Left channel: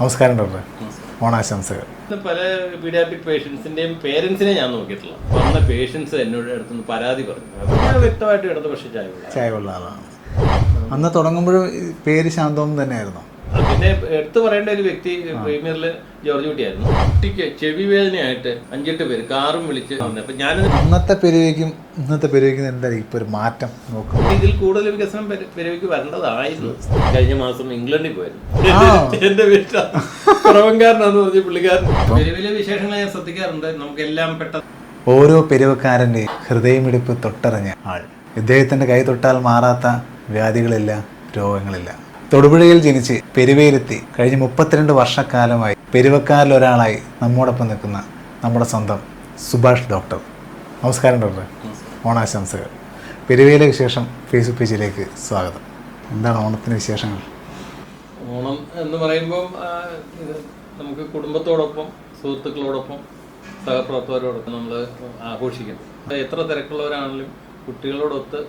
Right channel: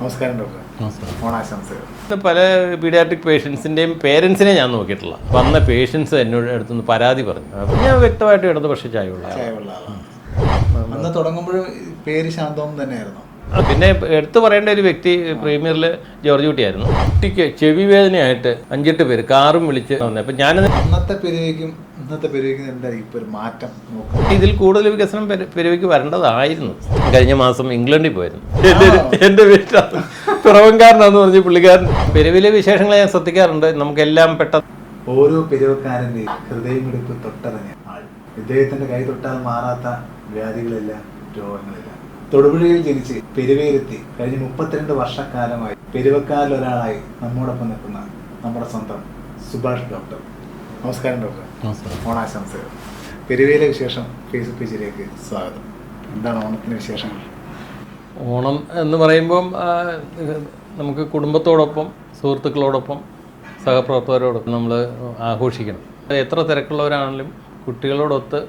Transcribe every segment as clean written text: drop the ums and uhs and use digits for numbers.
നമസ്കാരം ഡോക്ടർ. ഓണാശംസകൾ. പല പീഡിയാട്രിക് പേഷ്യൻസിൻ്റെയും പേരൻസിനെ ഞാൻ നോക്കിയിട്ടില്ല. വന്ന പേഷ്യൻസ് എന്നോട് അടുത്തുനിന്ന് പരാതി പറഞ്ഞു. അപ്പം ഞാൻ വ്യക്തമായിട്ട് ഇടതുപക്ഷ ചായവുള്ള ആളാണ്. അന്ന് തുടങ്ങുമ്പോഴും പേര് ശാന്തവും തന്നെയായിരുന്നു. പിന്നെ എടുത്തു പറയേണ്ട ഒരു വ്യക്തി പ്രീമിയറിൽ ജോർജ് കുട്ടിയായിരുന്നു. കുട്ടിക്ക് ചെവി വേദനയായിട്ട് 5-8 പേര് കാറും വിളിച്ച് വന്നത്. അപ്പം ഞാനത് അന്നത്തെ പെരുവയ്ക്കും ഇന്നത്തെ പെരുവയ്ക്കും എന്തായാലും ഇപ്പോൾ ഒരു മാറ്റം നോക്കും. ഇതിൽ കൂടുതൽ വികസനം പെരുവയ്ക്ക് വരേണ്ടതായിരുന്നു. കഴിഞ്ഞ മാസം ഇംഗ്ലണ്ടിൽ പോയിരുന്നു. എൻ്റെ വീട്ടിൽ കുറവൻകാരനാന്ന് പറഞ്ഞ് പുള്ളിക്കാരൻ. പെരുവിലെ വിശേഷങ്ങൾ ഞാൻ ശ്രദ്ധിക്കാറുണ്ട്. നമുക്കെല്ലാം പെട്ടെന്ന് ഓരോ പെരുവക്കാരൻ്റെ ഹൃദയമിടിപ്പ് തൊട്ടറിഞ്ഞ ആൾ. ഇദ്ദേഹത്തിൻ്റെ കൈ തൊട്ടാൽ മാറാത്ത വ്യാധികളില്ല, രോഗങ്ങളില്ല. തൊടുപുഴയിൽ ജനിച്ച് പെരുവയിലെത്തി കഴിഞ്ഞ 32 വർഷക്കാലമായി പെരുവക്കാരിൽ ഒരാളായി നമ്മോടൊപ്പം നിൽക്കുന്ന നമ്മുടെ സ്വന്തം സുഭാഷ് ഡോക്ടർ. നമസ്കാരം ഡോക്ടർ. ഓണാശംസകൾ. പെരുവയിലെ വിശേഷം ഫേസ്ബുക്ക് പേജിലേക്ക് സ്വാഗതം. എന്താണ് ഓണത്തിന് വിശേഷങ്ങൾ? ഓണം എന്ന് പറയുമ്പം നമുക്ക് കുടുംബത്തോടൊപ്പം, സുഹൃത്തുക്കളോടൊപ്പം, സഹപ്രവർത്തകരോടൊപ്പം നമ്മൾ ആഘോഷിക്കണം. എത്ര തിരക്കുള്ളവരാണെങ്കിലും കുട്ടികളോടൊത്ത്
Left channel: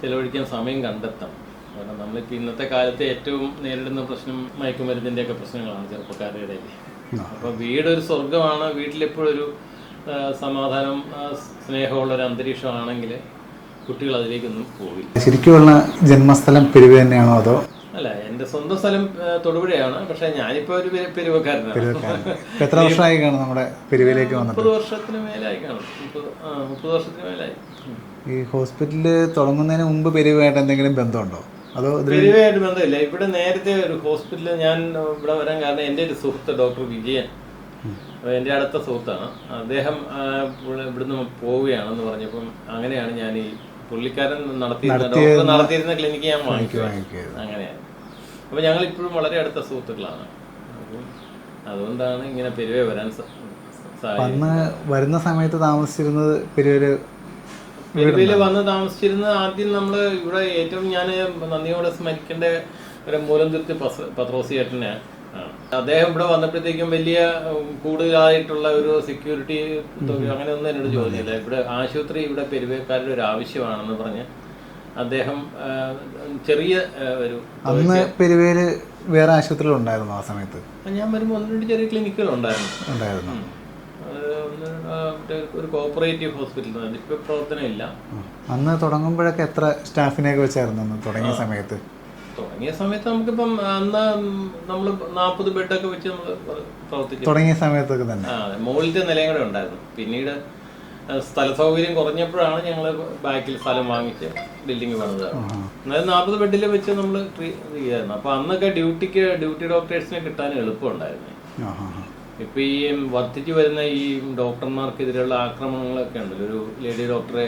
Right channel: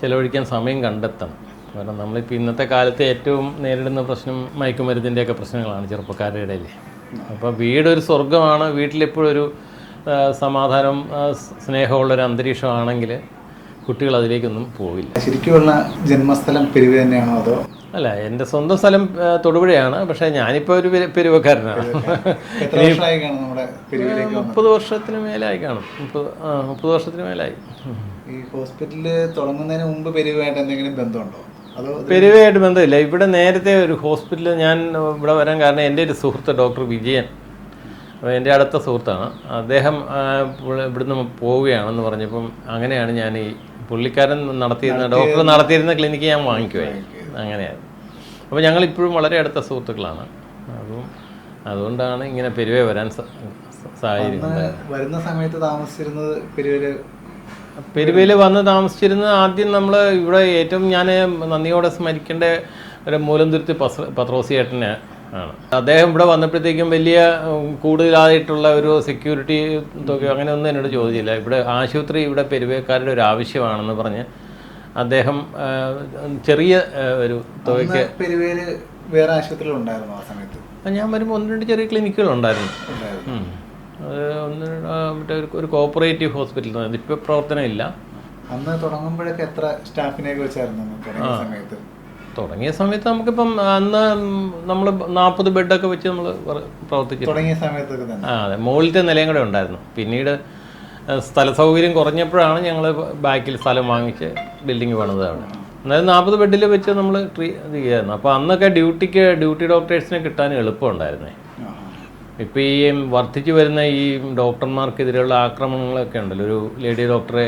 ചിലവഴിക്കാൻ സമയം കണ്ടെത്തണം. കാരണം നമ്മളിപ്പോൾ ഇന്നത്തെ കാലത്ത് ഏറ്റവും നേരിടുന്ന പ്രശ്നം മയക്കുമരുന്നിൻ്റെയൊക്കെ പ്രശ്നങ്ങളാണ് ചെറുപ്പക്കാരുടെ ഇടയിൽ. അപ്പോൾ വീടൊരു സ്വർഗമാണ്. വീട്ടിലെപ്പോഴൊരു സമാധാനം, സ്നേഹമുള്ളൊരു അന്തരീക്ഷമാണെങ്കിൽ കുട്ടികൾ അതിലേക്കൊന്നും പോവില്ല. ശരിക്കുമുള്ള ജന്മസ്ഥലം പെരുവ തന്നെയാണോ അതോ? അല്ല, എൻ്റെ സ്വന്തം സ്ഥലം തൊടുപുഴയാണ്. പക്ഷേ ഞാനിപ്പോൾ ഒരു പെരുവക്കാരനാണ്. എത്ര വർഷമായി കാണും നമ്മുടെ പെരുവയിലേക്ക്? 30 വർഷത്തിന് മേലായി കാണും. 30 വർഷത്തിന് മേലായി. ഈ ഹോസ്പിറ്റലിൽ തുടങ്ങുന്നതിന് മുമ്പ് പെരുവയായിട്ട് എന്തെങ്കിലും ബന്ധമുണ്ടോ? അതോ? പെരുവയായിട്ട് ബന്ധമില്ല. ഇവിടെ നേരത്തെ ഒരു ഹോസ്പിറ്റലിൽ ഞാൻ ഇവിടെ വരാൻ കാരണം എൻ്റെ ഒരു സുഹൃത്ത് ഡോക്ടർ വിജയൻ, എൻ്റെ അടുത്ത സുഹൃത്താണ്. അദ്ദേഹം ഇവിടുന്ന് പോവുകയാണെന്ന് പറഞ്ഞപ്പം അങ്ങനെയാണ് ഞാൻ ഈ പുള്ളിക്കാരൻ ഡോക്ടർ നടത്തിയിരുന്ന ക്ലിനിക്ക് ഞാൻ വാങ്ങിക്കുമായിരുന്നു. അങ്ങനെയാണ്. അപ്പോൾ ഞങ്ങളിപ്പോഴും വളരെ അടുത്ത സുഹൃത്തുക്കളാണ്. അപ്പം അതുകൊണ്ടാണ് ഇങ്ങനെ പെരുവേ വരാൻ സാഹചര്യം. വരുന്ന സമയത്ത് താമസിച്ചിരുന്നത് പെരുവയിൽ വന്ന് താമസിച്ചിരുന്നത് ആദ്യം നമ്മൾ ഇവിടെ ഏറ്റവും ഞാൻ നന്ദിയോടെ സ്മരിക്കേണ്ട ഒരു മൂലംതുരുത്തി പത്രോസിയേട്ടനെ ആണ്. അദ്ദേഹം ഇവിടെ വന്നപ്പോഴത്തേക്കും വലിയ കൂടുതലായിട്ടുള്ള ഒരു സെക്യൂരിറ്റി തുക അങ്ങനെയൊന്നും എന്നോട് ചോദിച്ചില്ല. ഇവിടെ ആശുപത്രി ഇവിടെ പെരുവേക്കാരുടെ ഒരു ആവശ്യമാണെന്ന് പറഞ്ഞ് അദ്ദേഹം ചെറിയ ഒരു തുകയ്ക്ക്. പെരുവേല് വേറെ ആശുപത്രികൾ ഉണ്ടായിരുന്നു ആ സമയത്ത്? ഞാൻ വരുമ്പോൾ 1-2 ചെറിയ ക്ലിനിക്കുകൾ ഉണ്ടായിരുന്നു. ഒരു കോപ്പറേറ്റീവ് ഹോസ്പിറ്റൽ ഇപ്പോൾ പ്രവർത്തനം ഇല്ല. അന്ന് തുടങ്ങുമ്പോഴൊക്കെ എത്ര സ്റ്റാഫിനെയൊക്കെ വെച്ചായിരുന്നു തുടങ്ങിയ സമയത്ത്? തുടങ്ങിയ സമയത്ത് നമുക്കിപ്പം അന്ന് നമ്മൾ 40 ബെഡൊക്കെ വെച്ച് നമ്മൾ പ്രവർത്തിച്ചു തുടങ്ങിയ സമയത്തൊക്കെ തന്നെ. അതെ, മുകളിലത്തെ നിലയും കൂടെ ഉണ്ടായിരുന്നു. പിന്നീട് സ്ഥല സൗകര്യം കുറഞ്ഞപ്പോഴാണ് ഞങ്ങൾ ബാക്കിൽ സ്ഥലം വാങ്ങിച്ച് ബിൽഡിങ് പണിതാണ്. അതായത് 40 ബെഡിൽ വെച്ച് നമ്മൾ ചെയ്യായിരുന്നു. അപ്പോൾ അന്നൊക്കെ ഡ്യൂട്ടി ഡോക്ടേഴ്സിനെ കിട്ടാൻ എളുപ്പമുണ്ടായിരുന്നേ. ഇപ്പം ഈ വർദ്ധിച്ചു വരുന്ന ഈ ഡോക്ടർമാർക്കെതിരെയുള്ള ആക്രമണങ്ങളൊക്കെ ഉണ്ടല്ലോ, ഒരു ലേഡി ഡോക്ടറെ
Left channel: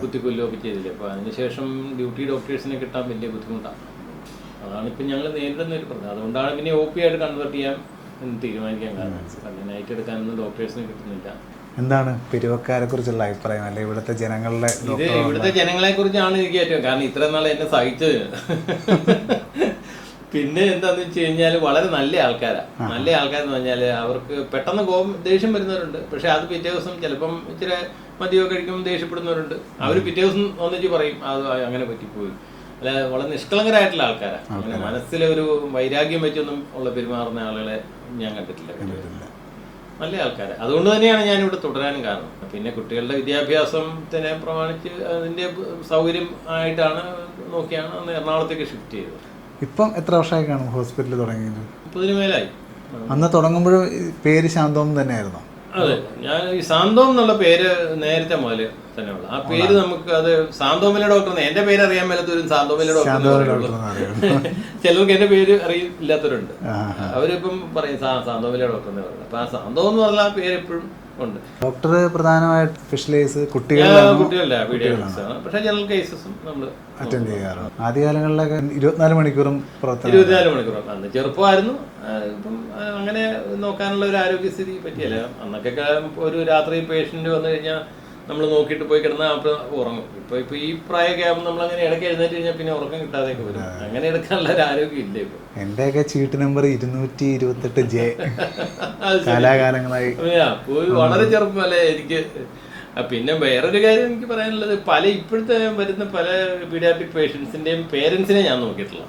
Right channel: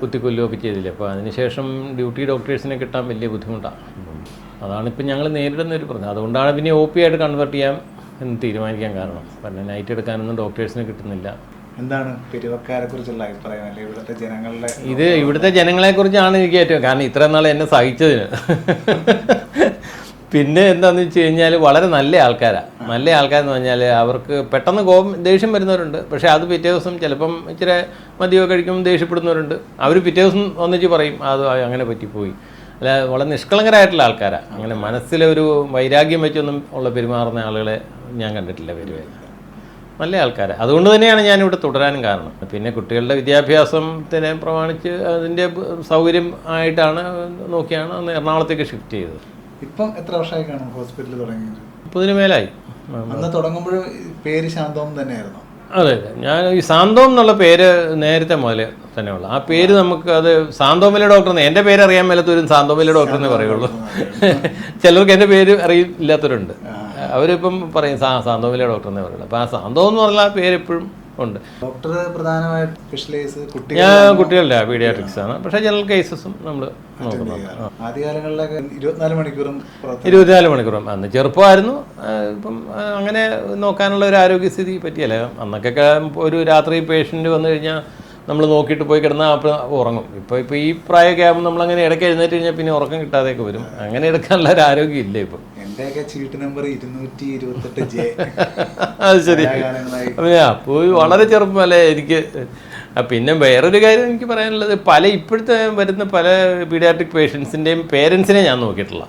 കുത്തിക്കൊല്ലുകയൊക്കെ ചെയ്തില്ലേ. അപ്പോൾ അതിനുശേഷം ഡ്യൂട്ടി ഡോക്ടേഴ്സിനെ കിട്ടാൻ വലിയ ബുദ്ധിമുട്ടാണ്. അതാണിപ്പോൾ ഞങ്ങൾ നേരിടുന്ന ഒരു പ്രശ്നം. അതുകൊണ്ടാണ് പിന്നെ OP ആയിട്ട് കൺവേർട്ട് ചെയ്യാൻ എന്ന് തീരുമാനിക്കാൻ കാരണം. പിന്നെ നൈറ്റ് എടുക്കാനൊന്നും ഡോക്ടേഴ്സിനെ കിട്ടുന്നില്ല. എന്താണ് പെരുവക്കാരെ കുറിച്ചുള്ള അഭിപ്രായം? അല്ലെ ഇവിടുത്തെ ജനങ്ങളുടെ? ഇവിടുത്തെ ജനങ്ങളെ കുറിച്ചാണ് എനിക്ക് ഏറ്റവും, കാരണം ഇത്രയും നാൾ എന്നെ സഹിച്ചതിന്. പിന്നെ എന്താണെന്ന് വെച്ച് കഴിഞ്ഞാൽ വളരെ നല്ല ആൾക്കാരാണ്. നല്ല ആൾക്കാരെന്ന് പറഞ്ഞാൽ അവർക്ക് പെട്ടെന്ന് ദേഷ്യം വരുന്നവരുണ്ട്. പക്ഷേ അത് പിറ്റേ ദിവസം ചിലപ്പം ഇച്ചിരി മദ്യമോ കഴിക്കുമ്പോൾ ദേഷ്യപ്പെടുന്നവരുണ്ട്. അവർ പിറ്റേ ദിവസം ഒന്നിച്ച് പറയും അത് അങ്ങനെ പറ്റിപ്പോയി. അല്ല, വളരെ നിഷ്കളങ്കരായിട്ടുള്ള ആൾക്കാരാണ്. അങ്ങനെ മനസ്സിലൊരു വൈരാഗ്യം വെച്ചൊന്നും ഉള്ള പെരുമാറുന്ന ആളുകളെ ഞാൻ കണ്ടിട്ടില്ല. നല്ല ആൾക്കാരാണ്. അതുകൊണ്ട് തന്നെയാണ് ഞാനിവിടെ തുടരാനും കാരണം. പിന്നെ കുട്ടികളുടെ വിദ്യാഭ്യാസത്തിനെ പ്രമാണിച്ച് അതിൻ്റെ സൗകര്യം ആയിട്ടാണ് നോക്കിയാണ് അന്ന് എറണാകുളത്തേക്ക് ഷിഫ്റ്റ് ചെയ്തത്. ഇപ്പം എത്ര വർഷമായി കാണും ഹോസ്പിറ്റലിൽ തുടങ്ങിയത്? 30 മേലായി. അന്ന് തുടങ്ങുമ്പോഴും പേര് ശാന്തവും തന്നെയായിരുന്നു? അതെ, ഞാൻ ഈ സാന്തോം എന്നുള്ള പേര് നേരത്തെ മുതലേ തന്നെയുള്ള ആ പേര്. നമുക്ക് അത് സാന്തോമിലെ ഡോക്ടർ, എൻ്റെ പേര് അറിയാൻ മേലത്തവരും സാന്തോമിലെ ഡോക്ടർ എന്നേ പറയുള്ളൂ. ചിലർക്ക് എൻ്റെ പേര് അറിയില്ലാത്തവരുണ്ട്. അവരിപ്പം പറയും സാന്തോമിലെ ഡോക്ടർ എന്നേ പറയുള്ളൂ. അപ്പം ആ സാന്തോം എന്ന് പറഞ്ഞാൽ ആ പേര് എപ്പോഴും ഉണ്ട്. ഡോക്ടർ പ്രധാനമായിട്ട് സ്പെഷ്യലൈസ് കുട്ടികളുടെ പീഡിയാട്രിക്സ് ആണ്. പക്ഷേ ജനറൽ കേസസും നമ്മൾ ആദ്യകാലങ്ങളിലൊക്കെ 24 മണിക്കൂറും 24 മണിക്കൂറും. അന്ന് ചെറുപ്പമായിരുന്നു. ഇപ്പം അങ്ങനെ നോക്കാനുള്ള ഒരു ആരോഗ്യസ്ഥിതി പറ്റിയല്ല. അന്നൊക്കെ ഒരു രാത്രി പേഷ്യൻ്റ് വന്നു കഴിഞ്ഞാൽ നമ്മൾ നോക്കിയിട്ട് പോയി കിടന്നാൽ അപ്പോൾ ഉറങ്ങും. ഇപ്പോൾ ഈ പ്രായമൊക്കെ ആകുമ്പോൾ നമ്മളങ്ങനെ ഇടയ്ക്ക് എഴുന്നേറ്റ് കഴിഞ്ഞാൽ പിന്നെ ഉറക്കം കിട്ടാതെയൊക്കെ വരും. അങ്ങനെ എടുക്കാനുള്ള ഒരു ആരോഗ്യം ഇല്ല ഇപ്പോൾ. എൻ്റെയൊക്കെ ചീട്ട് നമ്പർ 228J. അത് ശരി. പോയി വളരെ ചെറുപ്പമല്ലേ എനിക്ക് പിന്നെ വേറൊരു കാര്യം എനിക്ക് പറയാനുള്ളത്, ഇപ്പോഴത്തെ വരുന്ന പല പീഡിയാട്രിക് പേഷ്യൻസിന്റെയും പേരൻസിനെ ഞാൻ നോക്കിയിട്ടുള്ള.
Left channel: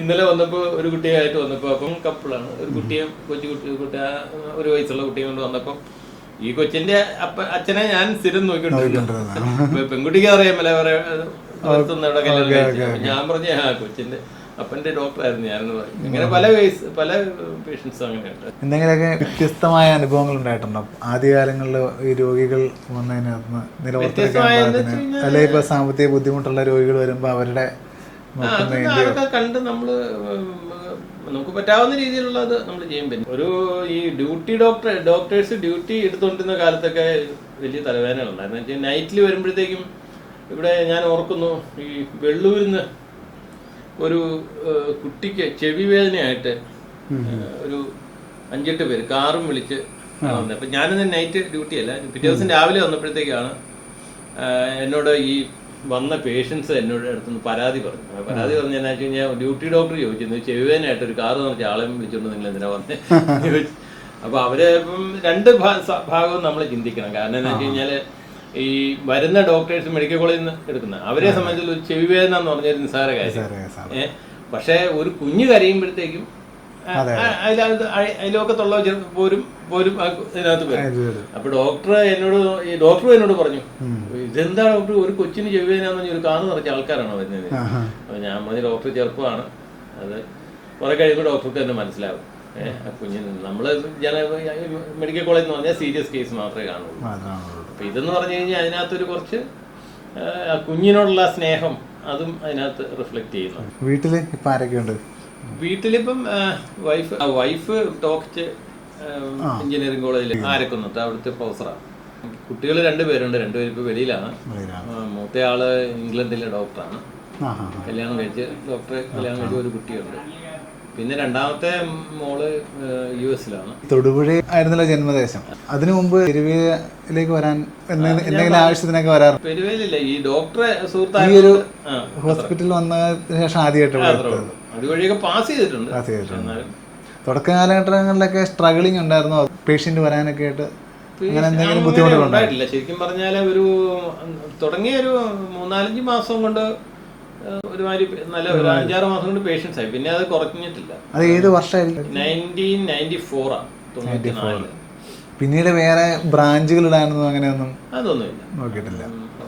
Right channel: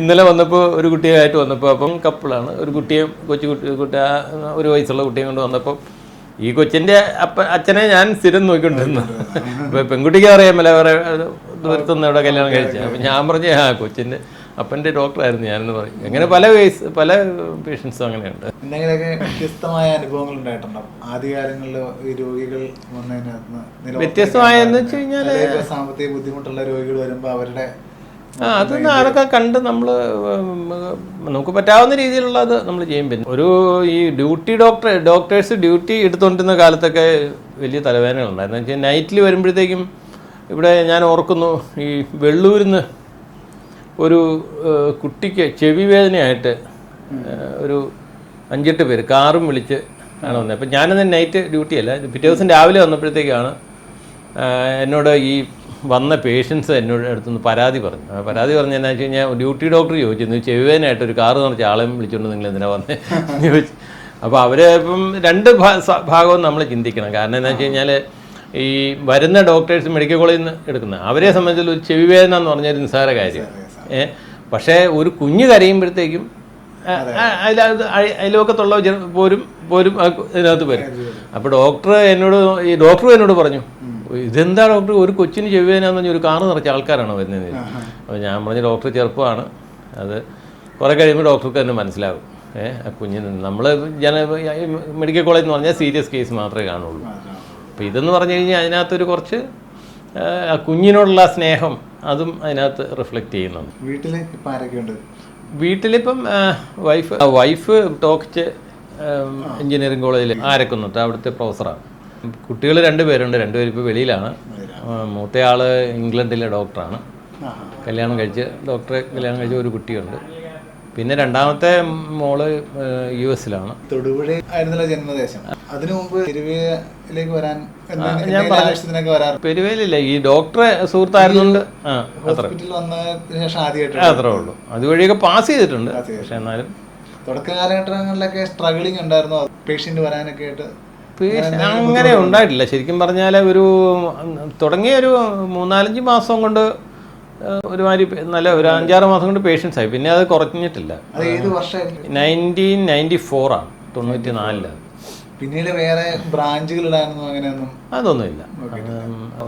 ഇന്നലെ വന്നപ്പോൾ ഒരു കുട്ടിയായിട്ട് വന്നപ്പോൾ, അപ്പം കപ്പിളാണ്, ഒരു കുട്ടിയെ കുട്ടി 1 വയസ്സുള്ള കുട്ടിയെ കൊണ്ട് വന്നപ്പോൾ ഈ കൊച്ചിന്റെ അച്ഛനെ ഞാൻ സ്ഥിരം നോക്കിക്കൊണ്ടിരുന്നു. പെൺകുട്ടിക്ക് അറിയാമല്ലോ അവരെ ദൂരത്തുനിന്ന് ഇവിടെ കല്യാണം കഴിച്ചു. ഞാൻ പറഞ്ഞു കൊച്ചിന്റെ അപ്പൻ്റെ ഡോക്ടറായിരുന്നു ഞാനെന്ന് പറയും. അങ്ങനെ പല പേഷ്യൻസും അങ്ങനെയുണ്ട്. എന്തെങ്കിലുമൊക്കെ വ്യത്യസ്തമായ അനുഭവങ്ങൾ ഉണ്ടായിട്ടുണ്ടോ ആദ്യകാലങ്ങളിൽ ഈ രോഗികൾ വ്യത്യസ്തമായെന്ന് വെച്ച് കഴിഞ്ഞാൽ സാമ്പത്തിക ബുദ്ധിമുട്ടുള്ള രോഗികൾ വരുമ്പോൾ അവരുടെ അതൊക്കെ കണ്ട് നമുക്ക് പറ്റാവുന്ന രീതിയിലുള്ളത് നമ്മൾ ചെയ്യും. പിന്നെ ഈ ഡോക്ടേഴ്സ് ഡ്യൂട്ടി എടുത്തുകൊണ്ടിരുന്ന കാലത്തൊക്കെ വലിയ തലവേദനകളുണ്ടായിരുന്നു. വെച്ചാൽ നൈറ്റിൽ വരുമ്പോഴത്തേക്കും ഇവിടെ ഞാൻ ഓർക്കുന്നു, ഈ വെള്ളൂരിന്ന് ഒരു കുട്ടിക്ക് ചെവി വേദനയായിട്ട് ഒരു 5-8 പേര് കാറും വിളിച്ച് ആണ് വന്നത്. അപ്പം ഞാനന്ന് നൈറ്റ് ഡ്യൂട്ടിയല്ല, പിറ്റേ ദിവസം രാവിലെ വന്നപ്പോഴത്തേക്കാണ് എന്നോട് ഈ വന്ന പേഷ്യൻസ് എന്നോട് അടുത്തുനിന്ന് പരാതി പറഞ്ഞു. പരാതി പറഞ്ഞതെന്നു വെച്ച് കഴിഞ്ഞാൽ ഡ്യൂട്ടി ഡോക്ടർ ചോദിച്ചു, ചെവി വേദനയായിട്ട് ഒരു കാറ് നിറച്ച് ആളെയും വിളിച്ചുകൊണ്ട് നിങ്ങൾ എന്തിനാ വന്നേ ചോദിച്ചു. അപ്പോൾ അവർ ഇപ്പം 2 ഭാഗവും നമ്മൾ ചിന്തിക്കണം. കാരണം എന്താ വെച്ച് കഴിഞ്ഞാൽ ഈ വരുന്ന ഡോക്ടേഴ്സ് മെഡിക്കൽ കോളേജിൽ നിന്ന് എടുക്കുന്ന അവരെ സംബന്ധിച്ച് ഒരു ചെവി വേദന എന്ന് പറഞ്ഞൊരു നിസ്സാര കാര്യം. പക്ഷേ ഒരു കുഞ്ഞ് കരയുമ്പോഴത്തേക്കും അയലോക്കത്തുള്ള പോരും ഇതിനകത്ത് വരും. അപ്പോൾ ഡോക്ടർ എന്നോട് പറഞ്ഞു, ഇതെന്താ ഡോക്ടർ, ഒരു കൊച്ചിന് ചെവി വേദന എന്ന് പറഞ്ഞാൽ ഒരു കാറ് നിറച്ച ആൾക്കാരാണ് വരുന്നത്. അപ്പോൾ ഞാൻ പറഞ്ഞ ഡോക്ടർ ചെറുപ്പമാണ്, അത് കുറെ കഴിയുമ്പോൾ ഡോക്ടർക്ക് തന്നെ മനസ്സിലാകും. കുഞ്ഞിന് നമ്മൾ മെഡിക്കൽ കോളേജ് എന്ന് പറഞ്ഞാൽ സീരിയസ് കേസ് മാത്രമേ കാണുള്ളൂ. അപ്പം ഇതെന്ന് പറഞ്ഞു കഴിഞ്ഞാൽ അതിനകത്തൊരു കുറച്ച് കുഞ്ഞിനോടുള്ള സ്നേഹം അതും അതിനകത്ത് റിഫ്ലക്റ്റ് ചെയ്യുന്നുണ്ട്. വീട്ടില് ഇപ്പം ആരൊക്കെയുണ്ട്? വീട്ടിലിപ്പം വൈഫ് ടോക്ച്ച് എഞ്ചിനീയറിംഗ് കോളേജിൽ ആരക്കുന്നുണ്ട്, അവിടുത്തെ പ്രൊഫസറാണ്. കുട്ടികൾ 2 പേരുണ്ട്, 2 പേര് ഇപ്പോൾ വെളിയിലാണ്. മൂത്തയാള് ഇംഗ്ലണ്ടിലെ ഡോക്ടറാണ്, കല്യാണം കഴിച്ച് ഒരു കുട്ടിയുണ്ട്. പിന്നെ രണ്ടാമത്തെ മോള് US-ലാണ്. തൊടുപുഴ ആയിരുന്നല്ലോ ജന്മദേശം. അതിനു മുമ്പ് പെരുവയിലേക്ക് വരാൻ ആവശ്യത്തിനൊക്കെ വരാറ്? പെരുവയിലില്ല, ഈ ഡോക്ടറെ സുഹൃത്തായതുകൊണ്ട് ഹോസ്പിറ്റലിൽ വന്നതിന് ശേഷം ആദ്യമായിട്ട് അത്രേ ഉള്ളൂ. അതുവഴിയൊക്കെ പാസ് ചെയ്തിട്ടുണ്ട്. എന്നാലും തുടക്ക കാലഘട്ടങ്ങളിലൊക്കെ സ്ട്രഗിളിങ് ഉണ്ടായിരുന്നോ പേഷ്യന്റ് വരാനൊക്കെ ആയിട്ട്? അങ്ങനെ ഉണ്ടായിട്ടില്ല. ശരിക്കും പറഞ്ഞാൽ തുടങ്ങിയ ഒരു 3-4 മാസം കൊണ്ട് ഒരുമാതിരി നല്ല ഒരു 5-6 മാസം കൊണ്ട് പേഷ്യൻസ് ആയി. പിന്നെ അത് കുറഞ്ഞിട്ടില്ല. അത് ഏത് വർഷമായിരുന്നു? 1994 ആണ്, 94. പിന്നീട് വേറെ ബ്രാഞ്ചുകൾ ഇടാനൊന്നും അങ്ങനെയൊന്നും അതൊന്നുമില്ല.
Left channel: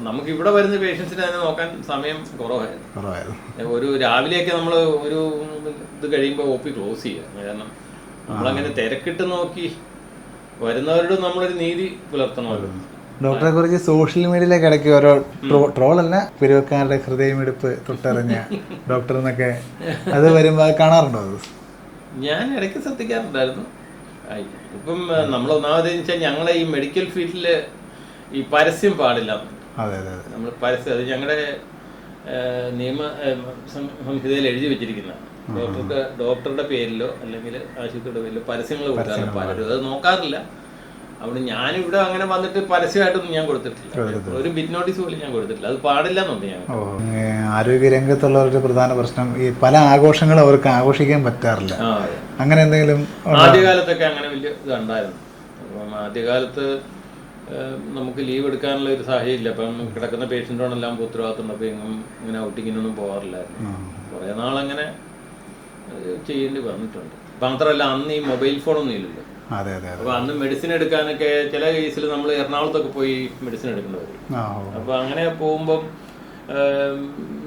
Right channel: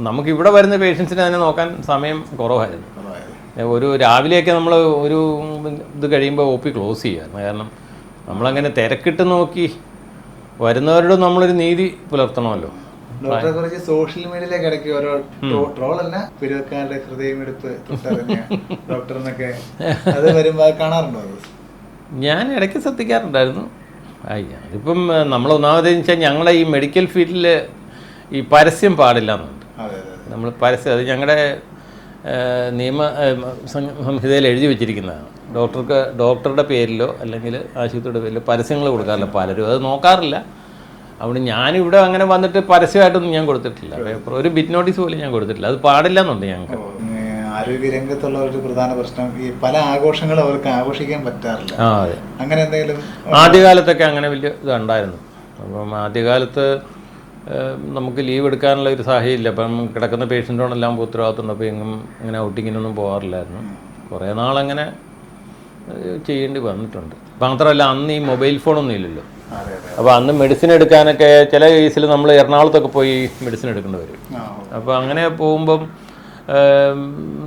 നമുക്ക് ഇവിടെ വരുന്ന പേഷ്യൻസിനെ തന്നെ നോക്കാൻ സമയം കുറവായിരുന്നു. ഒരു രാവിലെയൊക്കെ നമ്മൾ ഒരു ഇത് കഴിയുമ്പോൾ OP ക്ലോസ് ചെയ്യാം. കാരണം നമ്മളങ്ങനെ തിരക്കിട്ട് നോക്കി വരുന്നവരോട് നമ്മളൊരു നീതി പുലർത്തണമല്ലോ. ഡോക്ടറെ കുറിച്ച് സോഷ്യൽ മീഡിയയിലേക്ക് ഇടയ്ക്ക് ഓരോ ട്രോളല്ല, പെരുവക്കാരുടെ ഹൃദയമിടിപ്പ് തൊട്ടറിഞ്ഞ ഡോക്ടർ എന്നൊക്കെ അത് വരുമ്പോൾ കാണാറുണ്ടോ? ഞാൻ ഇടയ്ക്ക് ശ്രദ്ധിക്കാറുണ്ടായിരുന്നു. ഇപ്പം നമ്മൾ ഒന്നാമതെന്ന് വെച്ചാൽ ഞങ്ങളുടെ ഈ മെഡിക്കൽ ഫീൽഡിൽ ഈ പരസ്യം പാടില്ല എന്നുണ്ട്. നമ്മൾ പരസ്യം അത് ഞങ്ങളുടെ നിയമ സംഹിതയിൽ എഴുതി വെച്ചിരിക്കുന്നതാണ്. ഡോക്ടറുടെ പേരിലോ അല്ലെങ്കിൽ ആശുപത്രിയുടെ പേരിലോ പരസ്യങ്ങൾ കൊടുക്കാറില്ല. പലരും അത് നോക്കാറില്ല. അവിടെ ഞാനിവിടെ അങ്ങനെ വന്നിട്ട് പരസ്യമായിട്ടൊന്നും ഞാൻ കൊടുത്തിട്ടില്ല. ഒരു ബിറ്റ് നോട്ടീസ് പോലും ഞാൻ കൊടുത്തിട്ടില്ല. അത് പാടില്ല എന്നുണ്ട് ഞങ്ങൾക്ക്. ആരോഗ്യരംഗത്തുള്ളവരുടെ പ്രധാന പ്രശ്നം ഈ പല ആഘോഷങ്ങളും അവർക്ക് ആഘോഷിക്കാൻ പറ്റാറില്ല. അങ്ങനെ എന്തെങ്കിലും ആദ്യകാലത്തൊക്കെ അങ്ങനെ വലിയ ഇതുണ്ടായിരുന്നു. അപ്പം ആദ്യകാലത്ത് നമുക്ക് ലീവ് എടുക്കാനുള്ള ഒരു സാഹചര്യം ഇല്ല. അപ്പം കിടക്കുന്ന പേഷ്യൻറ്റോടെല്ലാം ഉത്തരവാദിത്തമുണ്ട്. അപ്പോൾ എങ്ങും അങ്ങനെ ഔട്ടിങ്ങിനൊന്നും പോകാറില്ലായിരുന്നു. കുറേ നാളങ്ങനെ ചെയ്യേണ്ടി വന്നിട്ടുണ്ട്. മാത്രമല്ല അന്ന് ഈ മൊബൈൽ ഫോണൊന്നും ഇല്ലല്ലോ. അപ്പോൾ അന്ന് മെഡിസിൻ എടുക്കാനൊക്കെ ചില കേസിൽ നമ്മൾ എറണാകുളത്തൊക്കെ പോയി മെഡിസിൻ എടുക്കേണ്ടി വരും. അപ്പോൾ അങ്ങനെ പോകുമ്പം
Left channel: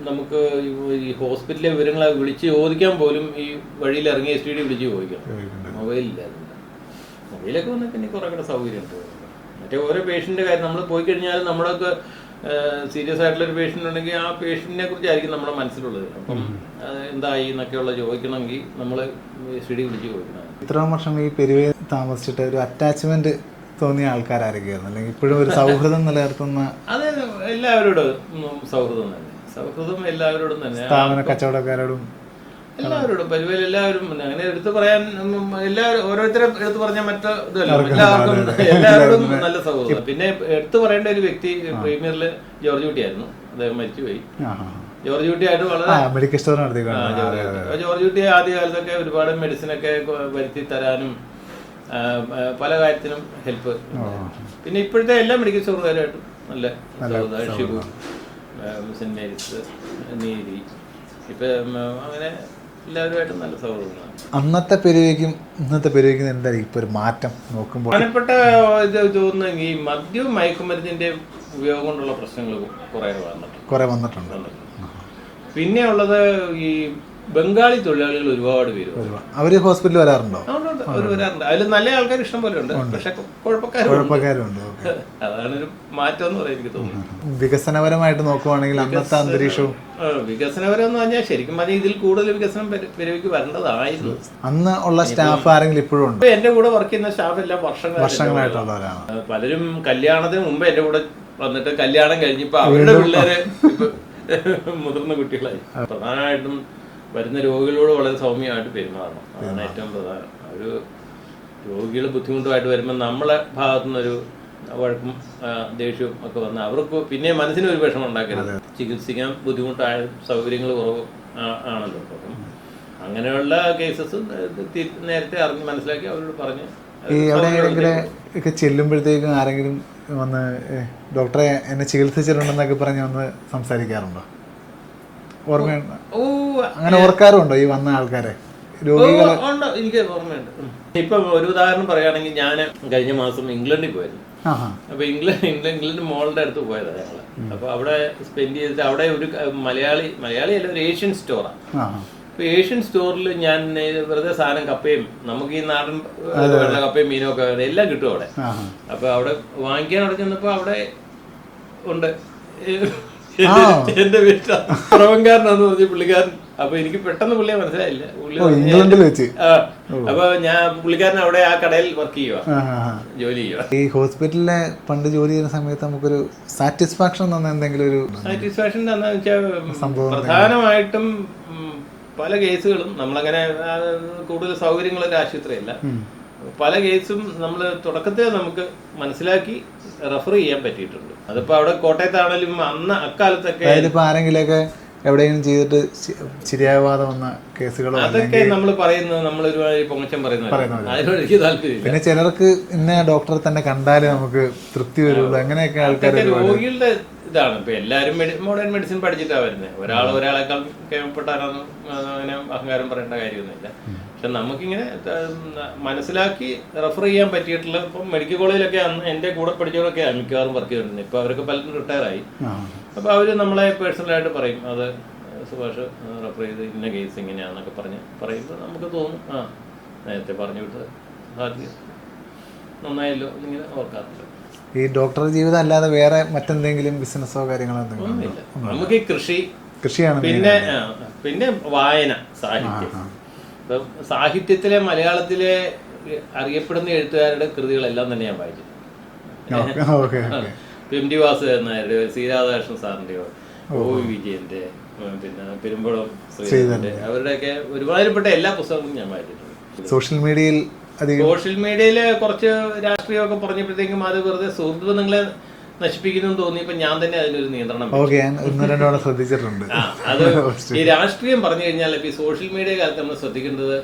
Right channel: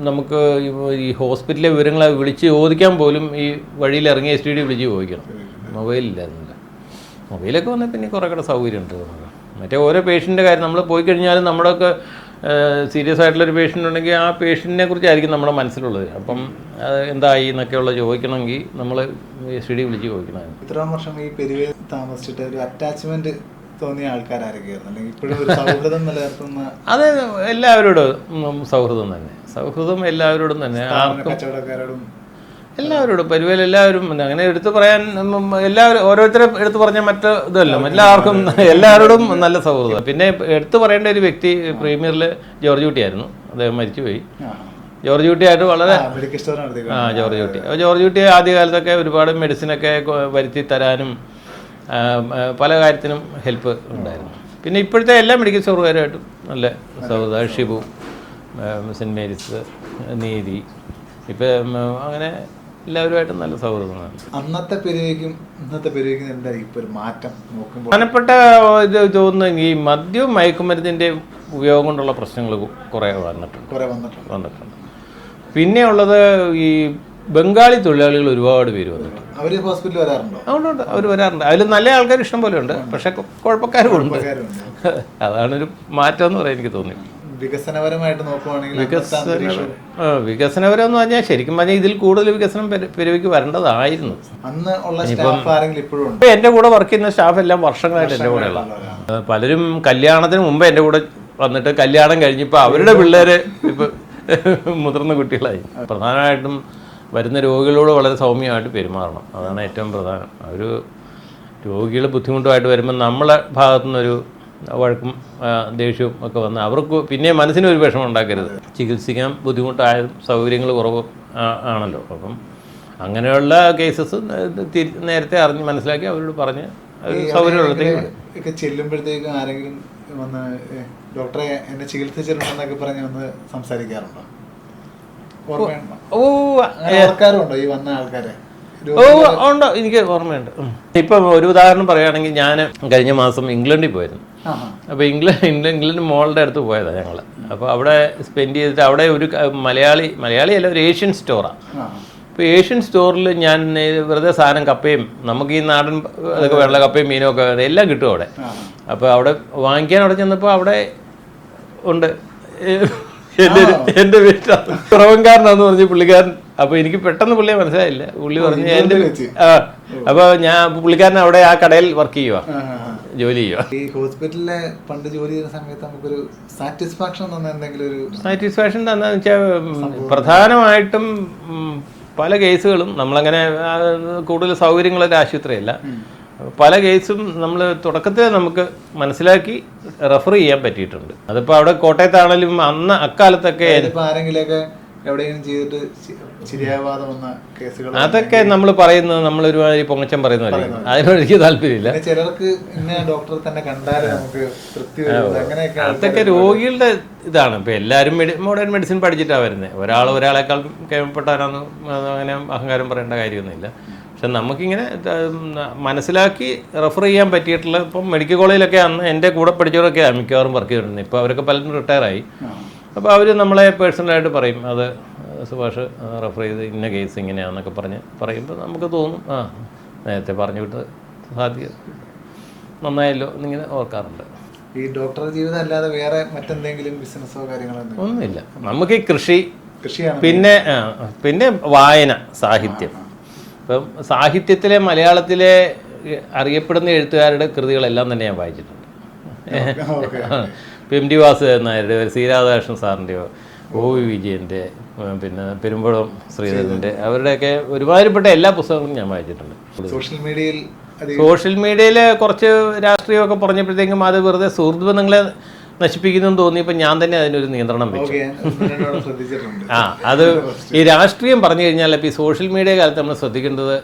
നമുക്ക് ഈ ഹോസ്പിറ്റലിലെ വിവരങ്ങൾ വിളിച്ച് ചോദിക്കാൻ പോലും ഈ വഴിയിൽ ഇറങ്ങി STD വിളിച്ച് ചോദിക്കണം. മൊബൈലില്ലായിരുന്നില്ല. മൊബൈലൊക്കെ വന്നാൽ പിന്നെ കുറേ കൂടെ സൗകര്യമുണ്ട്. മറ്റേ ഓരോ പേഷ്യൻ്റെ കാര്യം നമ്മൾ പോയി കഴിഞ്ഞാലും നമ്മളൊക്കെ സീരിയസ് ആയിട്ടുള്ളൊരു പേഷ്യൻ്റ് ഉണ്ടെങ്കിൽ ആ പേഷ്യൻറ്റിനെ കുറിച്ചായിരിക്കും നമ്മുടെ മനസ്സിലുള്ളത്. അപ്പം എന്തായി എന്നൊക്കെയുള്ള ചോദിക്കണമെങ്കിൽ നമ്മൾ STD വിളിച്ച് ചോദിക്കണം. ഇത്രയും വർഷം ഈ പെരുവയിൽ താമസിച്ചിട്ട് ഒരു അറ്റാച്ച്മെന്റ് തോന്നിയ ആൾക്കാരായിരിക്കും, അല്ലെങ്കിൽ ഇപ്പോഴും ഒരു സൗഹൃദം നിലനിർത്തുന്ന? അത് എല്ലാവരോടും സൗഹൃദം തന്നെ. സൗഹൃദം എല്ലാവരോടും തന്നെ, കച്ചവടക്കാരോടും എല്ലാവരോടും. പെരുവയിൽ എല്ലാവരും അങ്ങനെ എടുത്തു പറയാൻ ഓരോരുത്തരെ എടുത്തു പറഞ്ഞാൽ മറ്റു ഇതല്ല. എല്ലാവരോടും നല്ല സൗഹൃദം. പിന്നെ എടുത്തു പറയേണ്ട ഒരു വ്യക്തി പ്രീമിയറിൽ ജോർജ് കുട്ടിയായിരുന്നു. അദ്ദേഹം മരിച്ചുപോയി. ജോർജ് കുട്ടിയായിട്ട് വളരെ ജോർജ് കുട്ടി ആദ്യകാലത്തൊക്കെ ഒരുപാട് മെഡിസിനൊക്കെ വരുത്തി തരാനും പല കാര്യത്തിനും ഹെൽപ്പ് ഉണ്ടായിരുന്നു. പിന്നെ ഇപ്പോഴത്തെ എല്ലാ മെഡിക്കൽ സ്റ്റോറുകാരുമായിട്ടും നല്ല സൗഹൃദം. ഷിബു, സെൻറ്റ് മേരീസ്, നീതി, ഇപ്പം അങ്ങനെ എല്ലാവരുമായിട്ടും നല്ല സൗഹൃദങ്ങളാണ്. അന്നത്തെ പെരുവയ്ക്കും ഇന്നത്തെ പെരുവയ്ക്കും എന്തായാലും ഇപ്പോൾ ഒരു മാറ്റം നോക്കുമ്പോൾ പ്രധാനപ്പെട്ട ഇത് തോന്നുന്നു ഈ മദ്യവും മയക്കുമരുന്നിൻ്റെ ഉപയോഗം കൊണ്ടുള്ള പ്രശ്നങ്ങൾ കുറേ വന്നിട്ടുണ്ട്. പിന്നെ ഉള്ളത് ഈ ബംഗാളി തൊഴിലാളികൾ ഒരുപാട് പേര് വന്നു. അവർ ഹോസ്പിറ്റലിൽ വരാറുണ്ടോ? അതുകൊണ്ട് അവർ വരാറുണ്ട്. അതിൽ നല്ല ആൾക്കാർ ഇഷ്ടം പോലെ ഉണ്ട്, പക്ഷെ കുഴപ്പക്കാരുണ്ട്. അതാണ് ഒരു മാറ്റം എന്ന് പറയാൻ എനിക്ക് തോന്നി. വികസനപരമായിട്ട് നോക്കുവാണെങ്കിൽ വികസനപരം എന്ന് പറഞ്ഞാൽ ശരിക്കും പറഞ്ഞാൽ ഇതിൽ കൂടുതൽ വികസനം പെരുവിക്ക് വരേണ്ടതായിരുന്നു. അന്ന് ഉള്ള സ്റ്റാഫ് ആരെങ്കിലും ഇപ്പോഴും ഉണ്ട്? എന്റെ കൂടെ വർക്ക് ചെയ്യുന്ന സ്റ്റാഫ് എല്ലാം വർഷങ്ങളായിട്ട് പലരും കല്യാണത്തിന് മുമ്പ് എന്റെ കൂടെ വന്നിട്ട് കല്യാണം കഴിഞ്ഞിപ്പോ അവരുടെ പിള്ളേര് ഇപ്പൊ മുതിർന്ന കുട്ടികളായി. പ്രധാനമായിട്ടും വരുന്ന രോഗികളോട് വളരെ സൗമ്യമായിട്ട് പെരുമാറണം. അതാണ് ഏറ്റവും പ്രധാനം. ഒരു രോഗികൾ ബുദ്ധിമുട്ടുമായിട്ട് വരുമ്പോൾ നമ്മളെ ഭാഗത്തുനിന്നൊരു വഴക്കും ദേഷ്യവും ഒക്കെ വന്ന് അവർക്ക് പിന്നെ മനസ്സിനൊരു വിഷമം ഉണ്ടാക്കരുത്. ചികിത്സിക്കാൻ ബുദ്ധിമുട്ടായ സൗകര്യങ്ങൾ കുറവ് ആണല്ലോ. അപ്പം അങ്ങനെയുള്ള കേസസ് നേരത്തെ അറിഞ്ഞ് മനസ്സിലാക്കി അവരോട് പറഞ്ഞ് ഒക്കെ ചെല്ലുമ്പോഴത്തേക്കും ആരെങ്കിലും വന്ന് ഡോക്ടറെ എന്നെ ചികിത്സിച്ചിട്ടുണ്ടെന്നൊക്കെ പറഞ്ഞ് വന്ന് സംസാരിക്കാറുണ്ടോ? ഓർമ്മയുണ്ടോ? അങ്ങനെ ഓർക്കാറുണ്ടോ ഈ വന്ന ആൾക്കാരെ? ഉണ്ടോ? എനിക്ക് ഓർമ്മയുണ്ട്. ഇപ്പം ഒരു ഉദാഹരണം പറയുകയാണെങ്കിൽ ഞാൻ കഴിഞ്ഞ മാസം ഇംഗ്ലണ്ടിൽ പോയിരുന്നു. അപ്പോൾ ഇംഗ്ലണ്ട് മോളുടെ അടുത്ത് പോയതാണ് ഞങ്ങൾ. അപ്പോൾ അവിടെ സ്പെൻഡ് ചെയ്തിട്ട് അവിടെ ഒരു മലയാളിയല്ല, ഒരു ഏഷ്യൻ സ്റ്റോറാണ്. അപ്പോൾ ഏഷ്യൻ സ്റ്റോറിൽ ഞാൻ വെറുതെ സാധനം കപ്പയും നമുക്ക് ഈ നാടൻ വെള്ള കപ്പയും മീനും ഒക്കെ എല്ലാം കിട്ടും അവിടെ. അപ്പോൾ അവിടെ വാങ്ങിക്കാൻ അവിടെ ചെന്നപ്പോൾ അവിടെ ഉണ്ട് എന്റെ വീട്ടിൽ പുറവൻകാരനാന്ന് പറഞ്ഞ പുള്ളിക്കാരൻ. അപ്പൊ എനിക്ക് പെട്ടെന്ന് പുള്ളിയെ മനസ്സിലായില്ല. പുള്ളി പറഞ്ഞു അപ്പൊ ഞാൻ പുള്ളിക്കാരൻ അവിടെ ആ കടയിൽ വർക്ക് ചെയ്യുക, ജോലി ചെയ്യുക. ഈ ഹോസ്പിറ്റലിലെ പണ്ട് ജോലി ചെയ്യുന്ന സമയത്ത് നമുക്കൊരു സാറ്റിസ്ഫാക്ഷൻ എന്തെങ്കിലും ഒരു സാറ്റിസ്ഫാക്ഷൻ എന്താണെന്ന് വെച്ചാൽ പ്രധാനമായിട്ടും പല കേസുകളും നമ്മളങ്ങനെ കൂടുതൽ സൗകര്യങ്ങളൊരു ആശുപത്രിയല്ല. പല കേസും നമ്മൾ തുടക്കത്തിൽ നമുക്ക് മനസ്സിലാക്കി റെഫർ ചെയ്യാൻ പറ്റിയിട്ടുണ്ട്. അതിപ്പോൾ അവിടെ കോട്ടയത്താണെങ്കിലും അന്ന് അക്കാലത്തൊക്കെ ആരെങ്കിലൊക്കെ എവിടെയെങ്കിലും ചെയ്തിട്ട് ശരിയാവാതെ വന്ന കേസുകൾ അതൊക്കെ നമ്മൾ പറയുന്നത് നമ്മൾ ഒരുമാതിരി പൊങ്ങച്ചം പറയുന്നത് അതിനോട് എനിക്ക് താല്പര്യമില്ല. ചിലർക്ക് ഇന്ന ഡോക്ടറെ തന്നെ കണ്ടാലും നമുക്ക് തൃപ്തി വരുന്നത് അങ്ങനെയൊക്കെ അതൊക്കെ രോഗികളുടെ ഇതാണ്. ഇപ്പൊ എല്ലാവരും മോഡേൺ മെഡിസിൻ പഠിച്ചിട്ടാണ് വരുന്നത്. ഒരാളെക്കാൾ കേൾപ്പെട്ടാരാന്ന് അങ്ങനെ അഹങ്കാരം പറയേണ്ട കാര്യമൊന്നുമില്ല. പക്ഷെ നമുക്കിങ്ങനെ മനസ്സിലാക്കി റെഫർ ചെയ്യാൻ പറ്റിയിട്ടുള്ള ഇപ്പം മെഡിക്കൽ കോളേജിലൊക്കെ അന്ന് എൻ്റെ കൂടെ പഠിച്ചവരൊക്കെ മിക്കവാറും വർക്ക് ചെയ്തിരുന്നത്. ഇപ്പോൾ അവരൊക്കെ പലരും റിട്ടയറായി. അപ്പോൾ അവർ നമ്മളെ പേഴ്സണലായിട്ട് പറയും, അത് സുഭാഷ് റെഫർ ചെയ്ത് ഇന്ന കേസ് ഇങ്ങനെയാണെന്നൊക്കെ പറയുമ്പോൾ നമുക്ക് തോന്നും നേരത്തെ പറഞ്ഞു വിട്ടത് സാധ്യത നന്നായല്ലോ എന്നിങ്ങനെ ഓർക്കാറുണ്ട്. ഈ ഡോക്ടർ ജീവിതം അല്ലാതെ വേറെ മറ്റെന്തെങ്കിലും ബിസിനസ്സോ കാര്യങ്ങളോ ഒന്നുമില്ല. നമുക്ക് ഈ കൃഷിയാണ്, പിന്നെ വായന, സാഹിത്യം. ഇപ്പം സാഹിത്യത്തിലെ മലയാളത്തിലെ അറിയപ്പെടുന്ന എഴുത്തുകാരുടെ കൃതികളെല്ലാം തന്നെ ഞാൻ വായിച്ചിട്ടുണ്ട്. എം ടി വാസുദേവൻ നായരുടെ, സി രാധാകൃഷ്ണൻ സാറിൻ്റെയോ, ഒ വി വിജയൻ്റെ, പിന്നെ പെരുമ്പളം ശ്രീധരൻ്റെ, അവരുടെയൊക്കെ ഒരുമാതിരിപ്പെട്ട എല്ലാ പുസ്തകങ്ങളും ഞാൻ വായിച്ചിട്ടുണ്ട്. സോഷ്യൽ മീഡിയയിൽ കുറച്ച് രാഷ്ട്രീയമൊക്കെ പറഞ്ഞപ്പോഴത്തേക്കും അത് വെറുതെ സുഹൃത്ത് ബന്ധങ്ങളെ നശിപ്പിക്കുന്നു തോന്നിയപ്പോൾ ഞാൻ തന്നെ അതിനൊരു നിയന്ത്രണം ശ്രദ്ധിച്ചിട്ടുണ്ട്. അത് ഈ രാഷ്ട്രീയം പറഞ്ഞു കഴിഞ്ഞാൽ ഇപ്പം ഈ സോഷ്യൽ മീഡിയ കാലത്ത് നമ്മൾ ശ്രദ്ധിക്കേണ്ടത്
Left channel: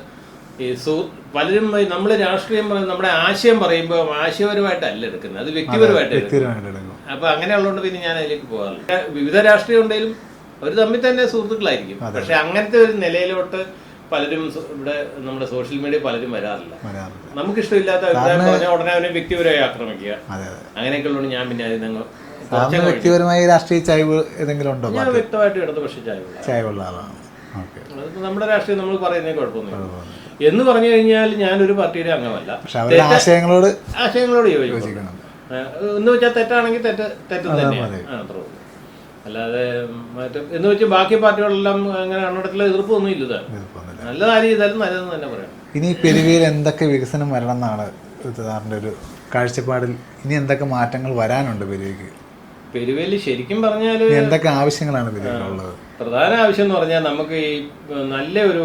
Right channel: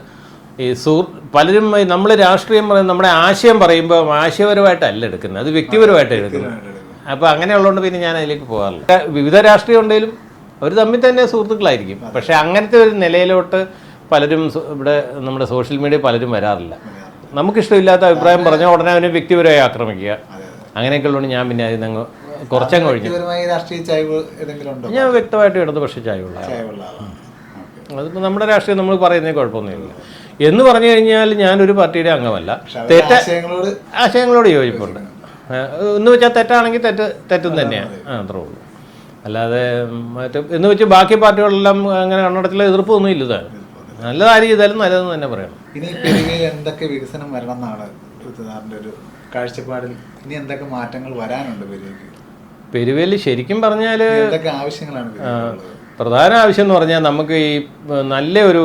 ഈ പലരും നമ്മൾ രാഷ്ട്രീയം പറയുന്നത് നമ്മുടെ ആശയം പറയുമ്പോൾ ആശയപരമായിട്ടല്ല എടുക്കുന്നത്, അത് വ്യക്തിപരമായിട്ട് എടുക്കുന്നത്. അപ്പോൾ അങ്ങനെയുള്ളതുകൊണ്ട് പിന്നെ ഞാൻ അതിലേക്ക് പോകാറില്ല. വിവിധ രാഷ്ട്രീയം ഉണ്ടെങ്കിലും അവർ തമ്മിൽ തന്നെ സുഹൃത്തുക്കളായിരിക്കും. പക്ഷെ അങ്ങനത്തെ ഒരു നിലയിലോട്ട് പലരും ഇവിടെ നമ്മുടെ സോഷ്യൽ മീഡിയ പലരും വരാറില്ല. നമുക്കിഷ്ടമില്ലാത്ത അഭിപ്രായം പറഞ്ഞാൽ ഉടനെ അവനെ വ്യക്തിപരമായി ആക്രമിക്കുക, അങ്ങനെയൊക്കെ ഉള്ളതുകൊണ്ട് ഞാൻ പിന്നെ അതിന് ഞാൻ വ്യക്തമായിട്ട് ഇടതുപക്ഷ ചായവുള്ള അതിപ്പോൾ നമ്മുടെ രാഷ്ട്രീയം നമ്മൾ പറയുന്നതിന് കുഴപ്പമൊന്നുമില്ല. എന്ന് പറഞ്ഞു കഴിഞ്ഞാൽ ഞാനൊരു പാർട്ടിയുടെ അംഗമല്ല. ആശയങ്ങളോട് യോജിപ്പുണ്ട് എന്ന് വെച്ചാൽ തെറ്റാണെങ്കിൽ തെറ്റും തന്നെയാണ്, അത്രേ ഉള്ളൂ. അല്ലാതെ എന്ന് വെച്ച് ബാക്കി പാർട്ടികളെല്ലാം അങ്ങനെ കണ്ണടച്ചിൽ എതിർപ്പൊന്നും ഇല്ല. നല്ല കാര്യം ചെയ്താലും നല്ലതെന്ന് തന്നെ പറയാം. ഇനി പെരുവയിൽ എന്തൊക്കെ വികസനം വരണം എന്നാണ് സാറിൻ്റെ ഒരു കാഴ്ചപ്പാടിൽ? ഇനി എന്തൊക്കെ മാറ്റങ്ങൾ വരാനുണ്ട് പെരുവയിൽ? ശരിക്കും പറഞ്ഞാൽ എന്തൊക്കെ ആവശ്യങ്ങളാണ് പ്രധാന ആവശ്യം എന്ന് പറഞ്ഞാൽ നമുക്ക് ഈ നല്ല ഒരു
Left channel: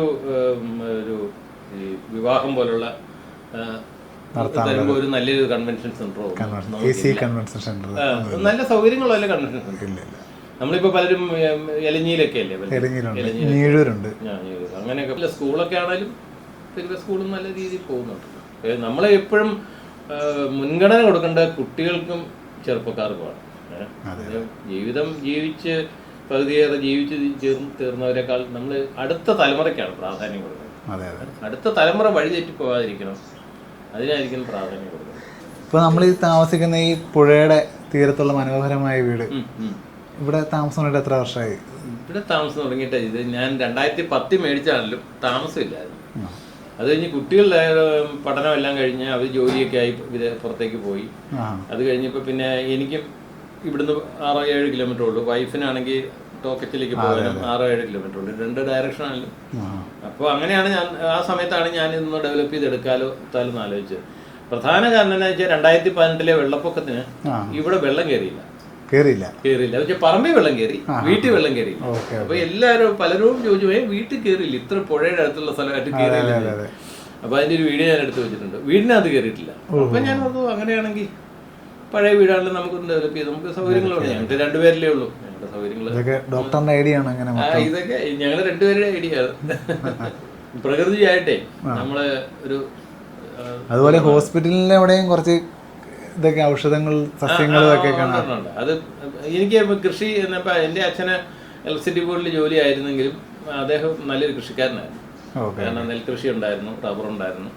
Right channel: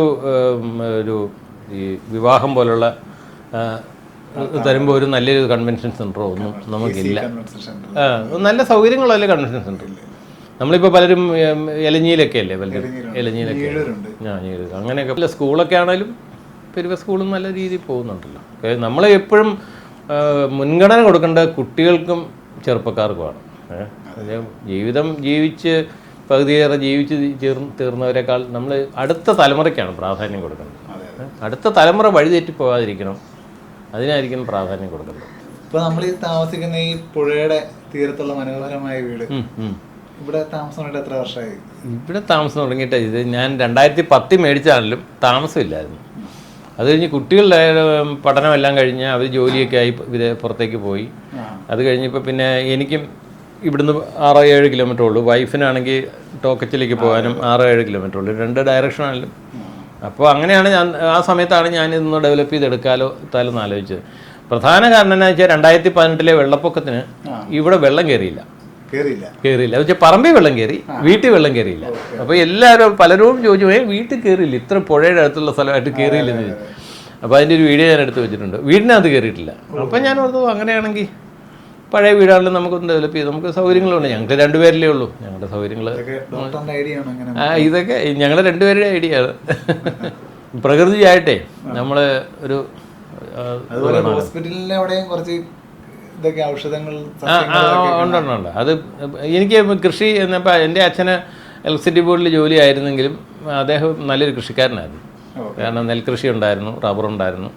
ഈ വിവാഹം പോലുള്ള തരുമ്പോൾ ഒരു നല്ലൊരു കൺവെൻഷൻ സെന്ററോ നമുക്കില്ല. നല്ല സൗകര്യങ്ങളല്ലേ കൺവെൻഷൻ സെന്റർ. നമ്മളിപ്പോൾ പലരും എലഞ്ഞിയിലൊക്കെ അല്ലേ, അങ്ങനെയൊക്കെ സ്കൂളൊക്കെ ആണെങ്കിലും പെരുവ സ്കൂളും നല്ല രീതിയിൽ പോകുന്നുണ്ടല്ലോ. നമ്മൾ എപ്പോഴും മുൻഗണന കൊടുക്കേണ്ട കുട്ടികൾക്കും ചെറുപ്പക്കാർക്കുമാണ്. ജീവിതം ജീവിച്ച് പകുതിയേറെ ജീവിച്ച് തീർന്നവരെക്കാൾ നമ്മൾ അടുത്ത തലമുറയ്ക്കാണ് പ്രാധാന്യം കൊടുക്കുന്നത്. അടുത്ത തലമുറ വഴിതെറ്റി പോകാതിരിക്കണം, അതിനായിരിക്കും പ്രാധാന്യം കൊടുക്കുന്നത്. ഇപ്പോൾ നമ്മൾ ഈ താമസിക്കുന്ന ഈ പുഴയുടെ തീരത്തുള്ള മനോഹരമായ വീട്, ഇവിടെ താമസം തുടങ്ങിയിട്ട് എത്ര വർഷമായി? ഇവിടെ താമസം തുടങ്ങിയിട്ട് ഇത് ഞാൻ 2010 മേടിച്ചാണെങ്കിലും താമസമില്ലായിരുന്നു. അത് കഴിഞ്ഞ് കുട്ടികളുടെ പഠനമെല്ലാം കഴിഞ്ഞ് അവർ ജോലിയൊക്കെ ആയി പുറത്തേക്ക് പോയി. അത് കഴിഞ്ഞപ്പോൾ പിന്നെ എനിക്കും ഇവിടുന്ന് 6-7 കിലോമീറ്റർ ഉള്ളൂ. വൈഫിനാണെങ്കിൽ ടോക്കച്ചിലേക്ക് പോകാനും 6-7 കിലോമീറ്റർ ഉള്ളൂ, 2 ഡയറക്ഷനാണെങ്കിലും. അപ്പോൾ അങ്ങനെയാണ് ആ സമയത്താണ് ഞാൻ ഇതൊന്ന് ഡെവലപ്പ് ചെയ്തെടുക്കാലോ എന്ന് ആലോചിച്ചത്. പ്രധാന കാരണം എന്താ വെച്ചാൽ 2018 വെള്ളപ്പൊക്കത്തിന് ഇവിടെ വെള്ളം കയറിയില്ല. വെച്ചാൽ പറമ്പിൽ വെള്ളം കയറി, വീട്ടിൽ വെള്ളം കയറിയില്ല. അപ്പൊ എല്ലാവരും പലരും ചോദിച്ചു, വീട്ടിൽ കയറിയില്ല, ഇത്ര പുഴയുടെ അടുത്തുള്ള സ്ഥലമായിട്ട് കയറിയില്ല. അപ്പൊ അതിന്റെ ഒരു വീഡിയോ ഞാൻ എടുത്ത് വെച്ചിട്ടുണ്ട്. വീടിനകത്ത് കയറിയിട്ടില്ല. അപ്പൊ ഞാൻ ഓർത്തു അങ്ങനെയാണെങ്കിൽ പഴയ വീടാണെങ്കിലും നമുക്കൊന്ന് ഡെവലപ്പ് ചെയ്ത് നമുക്ക് സൗകര്യങ്ങളുണ്ട്. ഞങ്ങൾക്ക് 2 പേരിലേ ഉള്ളൂ. ഞങ്ങളുടെ സൗകര്യങ്ങൾ ഇതൊക്കെ ഞങ്ങളുടെ 2 പേരുടെ ഐഡിയ ആണ്. പ്രകൃതിയായിട്ടേ നമ്മള് ഒരു അതുപോലെ ഹോസ്പിറ്റലിന്റെ അവിടെയും കുറച്ച് ഇതൊക്കെ ഔഷധങ്ങൾ ഉണ്ട്. അത് എനിക്ക് കൃഷി എന്നപ്പോൾ എൻ്റെ അച്ഛന് ഇലക്ട്രിസിറ്റി ബോർഡിൽ ജോലി ആയിരുന്നെങ്കിലും അദ്ദേഹം നല്ലൊരു കൃഷിക്കാരനായിരുന്നു. കാരണം നെൽകൃഷി ഉണ്ടായിരുന്നു, റബ്ബർ ഉണ്ടായിരുന്നു.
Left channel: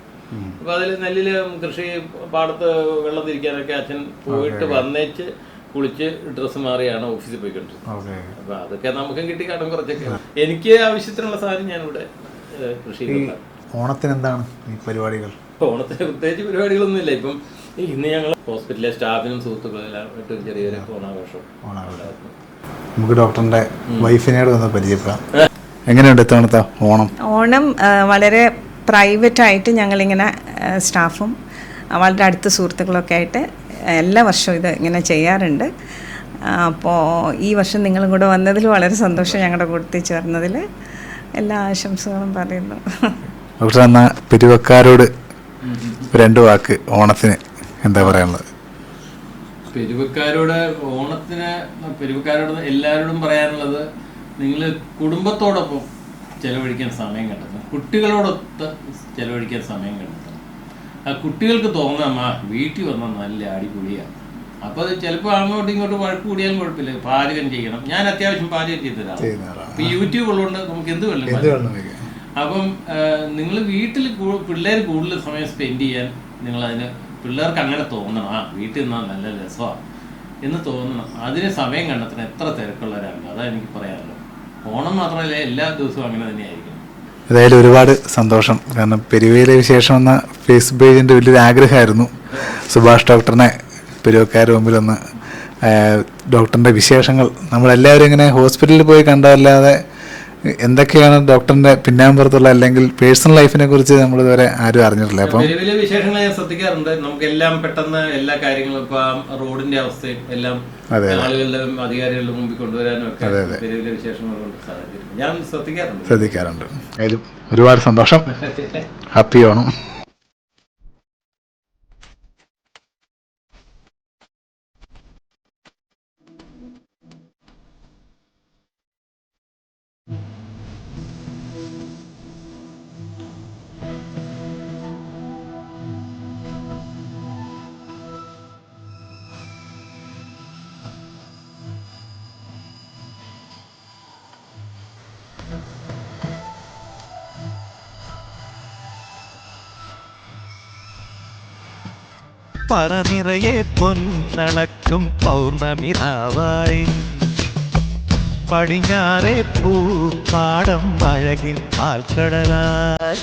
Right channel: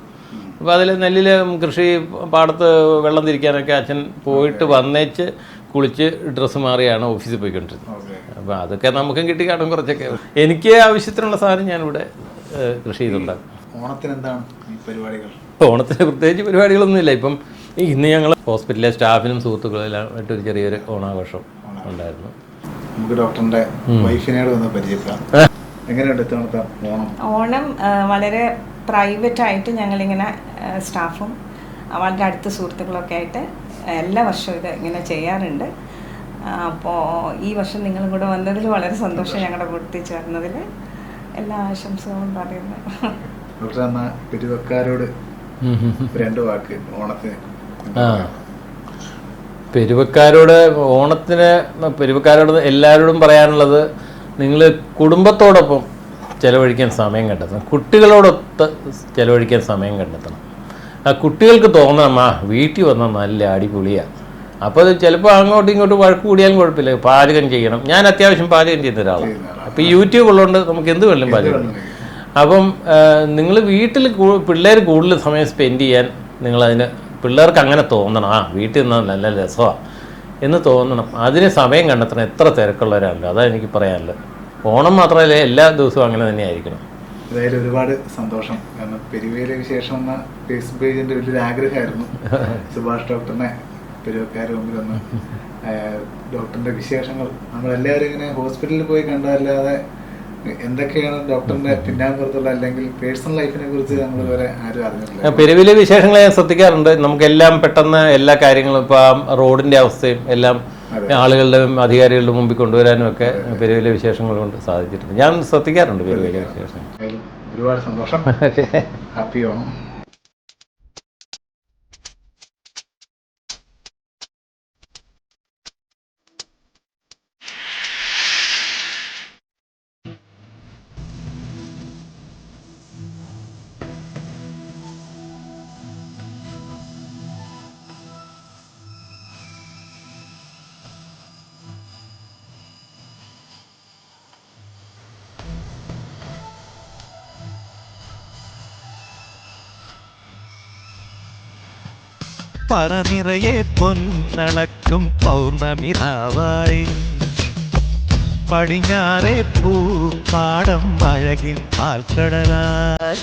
അപ്പോൾ അതിൽ നെല്ലിൽ കൃഷി പാടത്ത് വെള്ളം തിരിക്കാനൊക്കെ അച്ഛൻ പോയിട്ട് വന്നേച്ച് കുളിച്ച് ഡ്രസ്സ് മാറിയാണ് ഓഫീസിൽ പോയിക്കൊണ്ടിരുന്നത്. അപ്പോൾ അതൊക്കെ നമുക്കും കിട്ടി കാണും കുറച്ചൊക്കെ. എനിക്ക് ആവശ്യത്തിനുള്ള സാധനം ഞാനിവിടെ കൃഷി ചെയ്തിട്ടുണ്ടാകും. ഓണത്തിന് എന്താണ് പരിപാടികൾ? ഓണത്തിന് പ്രത്യേകിച്ച് പരിപാടികളൊന്നുമില്ല. ഇപ്പം ഇന്ന് ഞങ്ങൾ ഹോസ്പിറ്റലിലെ സ്റ്റാഫിനും സുഹൃത്തുക്കളെല്ലാം ആയിട്ടൊരു ചെറിയൊരു ഓണാഘോഷം ഉണ്ടായിരുന്നു. നമുക്ക് ഡോക്ടറിന്റെ വൈഫിനോട് ഒന്ന് പരിചയപ്പെടാം. എങ്ങനെയുണ്ട് ഇത്തവണത്തെ ഓണം? ഓണം വളരെ പ്രൈവറ്റ് ആയിട്ട് ഞങ്ങളിങ്ങനെ സ്റ്റാഫും വളരെ അടുത്ത സുഹൃത്തുക്കളൊക്കെ ആയിട്ട് എല്ലാ വർഷവും ഇത് ഇങ്ങനെ ചെയ്യാറുണ്ട്. അപ്പോൾ ഈ വർഷം നിങ്ങളും കൂടെ വന്നതിൽ വളരെ സന്തോഷം. ഞങ്ങളുടെ കൂട്ടത്തിൽ ചേർന്നതിൽ എല്ലാ ആശംസകളും പറയുന്നു. ഡോക്ടർ, എന്നാ പെരുവക്കാരോട് 2 വാക്ക് ഓണത്തിന് എന്താ പറയാനുള്ളത്? പെരുവക്കാരോട് എല്ലാവരോടും പറയാനുള്ളത്, നിങ്ങൾ കുടുംബത്തോടൊപ്പം ചിലവഴിക്കാൻ സമയം കണ്ടെത്തണം, കുട്ടികളോടൊത്ത് ചിലവഴിക്കാൻ സമയം കണ്ടെത്തണം. ആ കുട്ടികൾക്ക് തോന്നണം വീട്ടിൽ വന്നാൽ നല്ല അടിപൊളിയാണ്. അപ്പോൾ അത് ചിലപ്പോൾ അങ്ങോട്ടും ഇങ്ങോട്ടും വഴക്ക് കൂടിയാലും കുഴപ്പമില്ല, പാചകം ചെയ്യണം. ഞാൻ അത്യാവശ്യം പാചകം ചെയ്യുന്ന ഒരാളാണ്. അപ്പോൾ ഈ യൂട്യൂബ് ഉള്ളതുകൊണ്ട് നമുക്ക് എന്ത് വേണം പാചകം. അപ്പം നിങ്ങൾ വീട്ടിൽ പിള്ളേർ കൂടുതൽ സമയം സ്പെൻഡ് ചെയ്യാൻ നിങ്ങളതിന് പിള്ളേർക്ക് അങ്ങനെ തോന്നണം, വീട്ടിൽ നിന്നാൽ നല്ല രസമാണ് എന്ന് തോന്നണം. അതിന് സമയം കണ്ടെത്തണം. എത്ര തിരക്കുള്ളവരാണ്, അതാണ് എനിക്ക് പറയാനുള്ളത്. ഓണം മാത്രമല്ല, എല്ലാ ദിവസവും അങ്ങനെ തന്നെ ആയിരിക്കണം. ഏതായാലും ഒരുപാട് സന്തോഷം. കാരണം പെരുവയിലെ വിശേഷം എന്ന ഫേസ്ബുക്ക് പേജിൻ്റെ വലിയൊരു ആഗ്രഹമായിരുന്നു സുഭാഷ് ഡോക്ടറിനെ പെരുവക്കാരുടെ മുമ്പിലൊന്ന് ഡോക്ടറിൻ്റെ വിശേഷങ്ങൾ നമ്മളെല്ലാവരും ഇങ്ങനെ ഹോസ്പിറ്റലിൽ പോയി കണ്ടതല്ലാതെ എന്തൊക്കെയാണ് ഡോക്ടറിന്റെ പിന്നാമ്പുറത്തുള്ള അല്ലെങ്കിൽ പേഴ്സണൽ ലൈഫിനെ കുറിച്ച് നമ്മൾ ഇതുവരെ ആരും അറിഞ്ഞിട്ടില്ല. പെരുവിലെ വിശേഷങ്ങൾ ഞാൻ ശ്രദ്ധിക്കാറുണ്ട്. നമുക്കെല്ലാം പെട്ടെന്ന് എല്ലാ കാര്യങ്ങളും ഇപ്പൊ റോഡിന്റെ അവസ്ഥയും എല്ലാം ആളുകളുടെ അധികാരികളുടെ മുമ്പിൽ കൊണ്ടുവരാനും ഒക്കെ പെരുവിലെ വിശേഷങ്ങൾ കൊണ്ട് സാധിച്ചിട്ടുണ്ട്. ഞാൻ ശ്രദ്ധിക്കാറുണ്ട്. ഒരുപാട് സന്തോഷം. ഹാപ്പി ഓണം. പറനിറയെ പൊന്നളക്കും പൗർണമിരാവായി പടിഞ്ഞാറെ പൂപ്പാടം അഴകിൻ പാൽക്കടലായി